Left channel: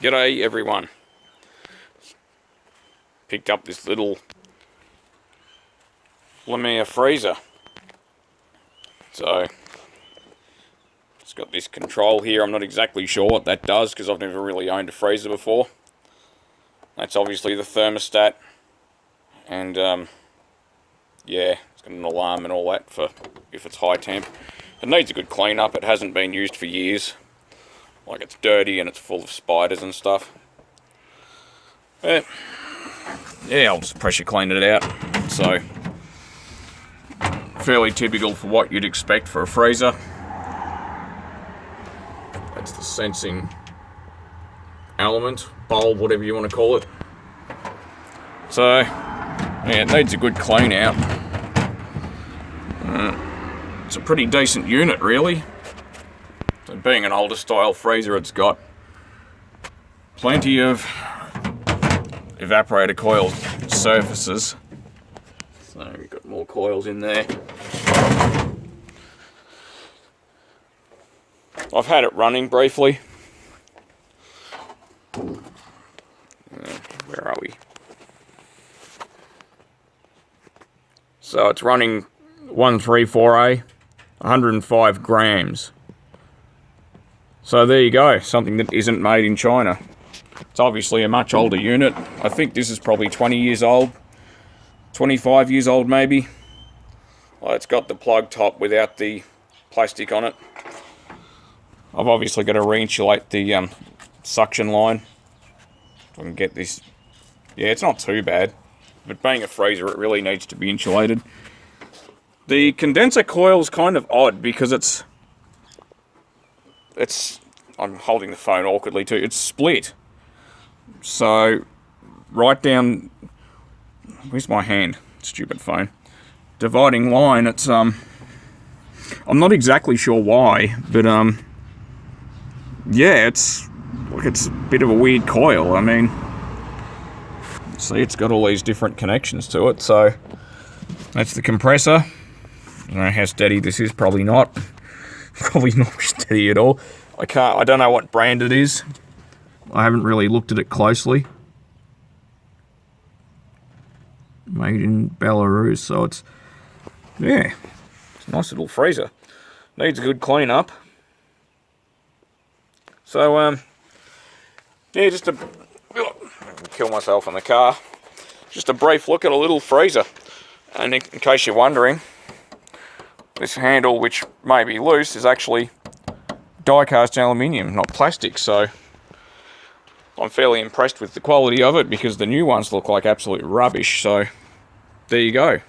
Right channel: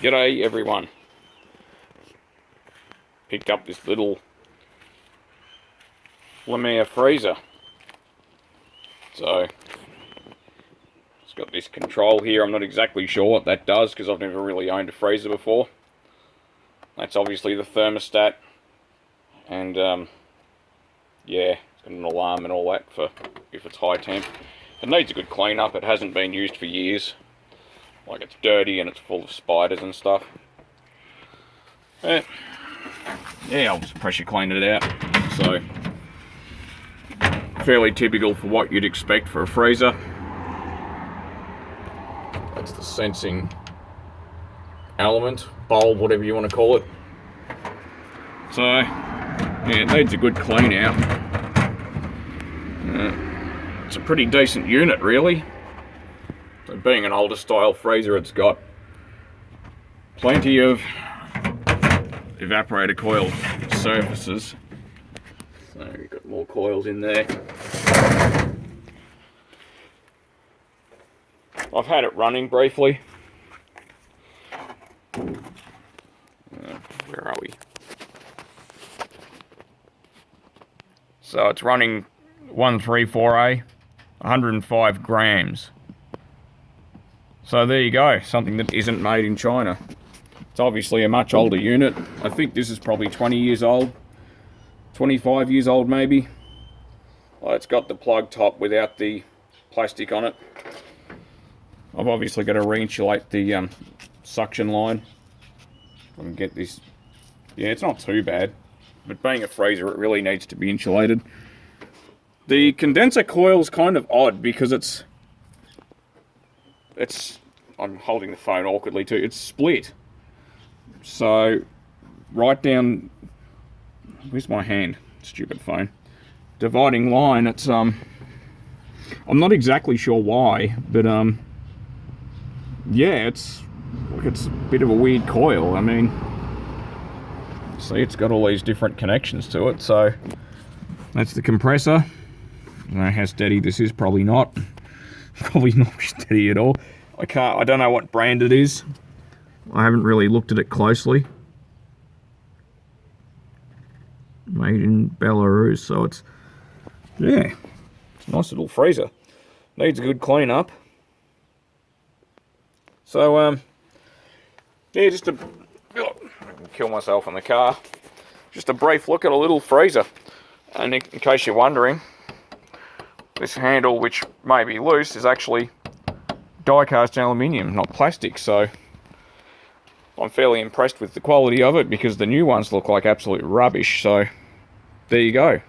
G'day everyone. Picked up this little Lemair freezer. So it's got this control here. I'm not exactly sure what that does because I've never really owned a freezer before. That's obviously the thermostat, and yeah, it's got an alarm and all that for if it's high temp. It needs a good clean up. It hasn't been used for years. Like, it's dirty and it's full of spiders and stuff. But yeah, I'll just pressure clean it out. So fairly typical for what you'd expect for a freezer. That's the sensing element, bulb, whatever you want to call it. So yeah, it needs a good clean out. It's a pretty decent unit, really. So being an older style freezer, it's got plenty of evaporator coil surfaces. So we've got more coils in there. I've had it running briefly. Where are we? So it's running 134A, 105 grams. So there you go, something that isn't made in China. It's obviously a much older unit. I think this is probably 20 years old, 25 years old maybe. Well, it's got the plug top without the plastic on it. I've obviously got to re-insulate the suction line. I can get this. Yeah, it's not too bad, but being a freezer, it really needs to be insulated. The condenser coil is kind of odd because it's I'm holding the phone awkwardly too. It's split. So right down, where's my hand? Stupid phone. Dividing line. It's I'm not exactly sure why, but yeah, it's a bit of a weird coil. I mean, see, it's got all these different connections to it. So that's the compressor. I don't know how steady this is. Probably not. Probably not steady at all. I don't know what brand it is. I haven't really looked at it closely. Made in Belarus, so it's a nice little freezer. Needs a good clean up. So yeah, just kill myself in the car. Just a brief look at a little freezer. And in case you're wondering, this handle, which may be loose, is actually die-cast aluminium, not plastic. So I'm fairly impressed with the quality of it because the new ones look like absolute rubbish. So there you go.